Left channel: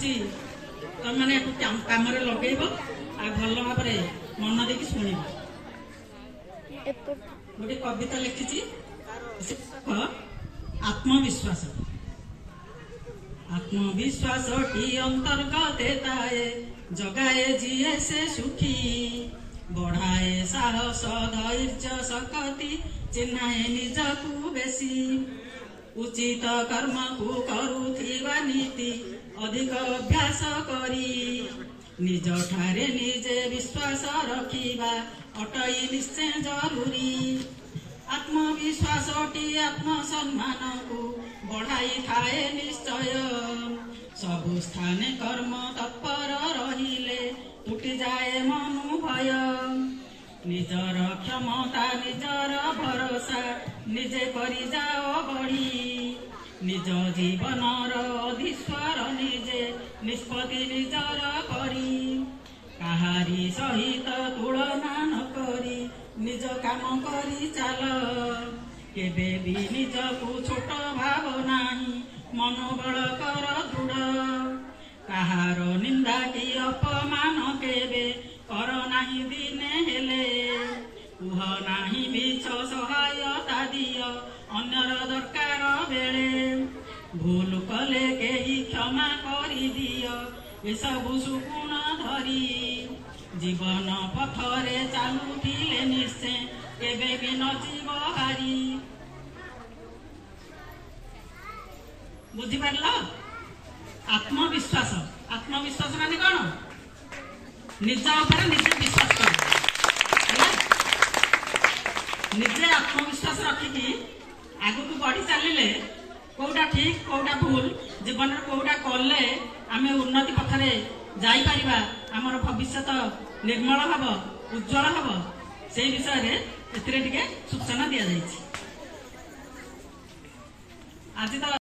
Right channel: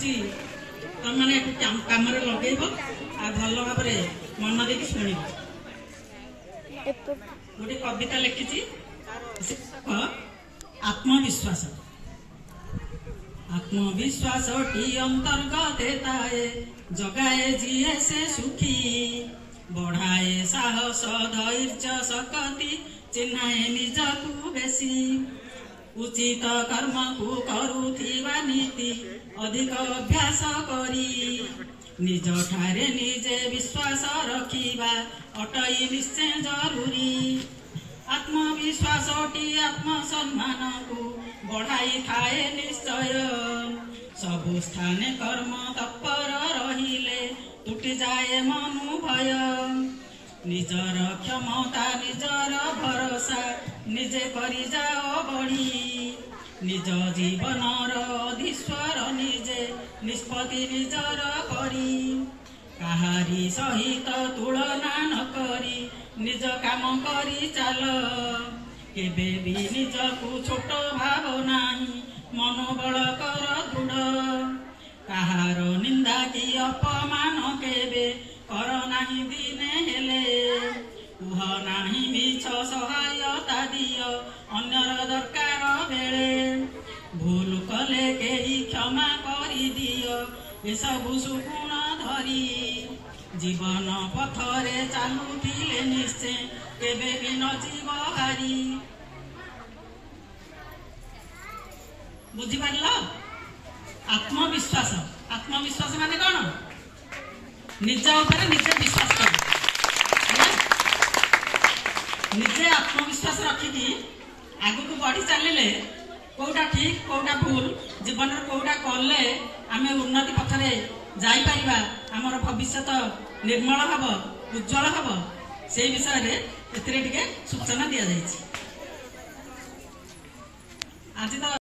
कहुची तुम मैंने कम लगे भल भाव मन देकी शुण गोटे कविता लिखी आत्मविश्वास आत्मविश्वास टी अंतर्गत जगाए जीए से सुखी बढ़ाए साहस धैर्य शक्ति चिन्हाए निजकू बेसी उचित कर्म को करुथिबा नीति अधिक अभ्यास करी निज ठारे निजे विश्वास रखिबा अटई निश्चय जरूरी आत्मविश्वास टी आत्मसम्मान को बढ़ाई थाए निश्चय सबु स्थाने कर्म तत्पर रहिले टूटी जाए मनोभय निजर क्षमता निजर भरोसा निजे करी जाओ बढ़ी निज जीवनर अधीश्वर निजे निष्पत्ति निजर करी काहारी सहित तुलना न करी निज काम करी चाल केबे भी निजकू छोट भाव नाही मनोबल कर दृढ़ काहार निंदा की अपमान केबे कर नाही दिने हेले कुह नाही मिछ सहायता दिय अन्यर दरकार बेले भूल कले केही क्षमा करी दिय एसबु सुगुण धरी जीवन पथरे चालुथिले निश्चय केबे भी न जीव हारी बुझिपार आत्मविश्वास आत्मविश्वास माने कौन निज ऊपर निजे विश्वास कर निजे आत्मविश्वास रखिकी आगु को बढ़ी चलिले कोटा ठीक कोटा भूल जीवन कोटा कले आमे उन्नति पथरे जाई परिबा हमर भविष्य निर्मल हब उज्जवल हब से विषय रे एथिरे टिके सूचना दिया जायछि आज तो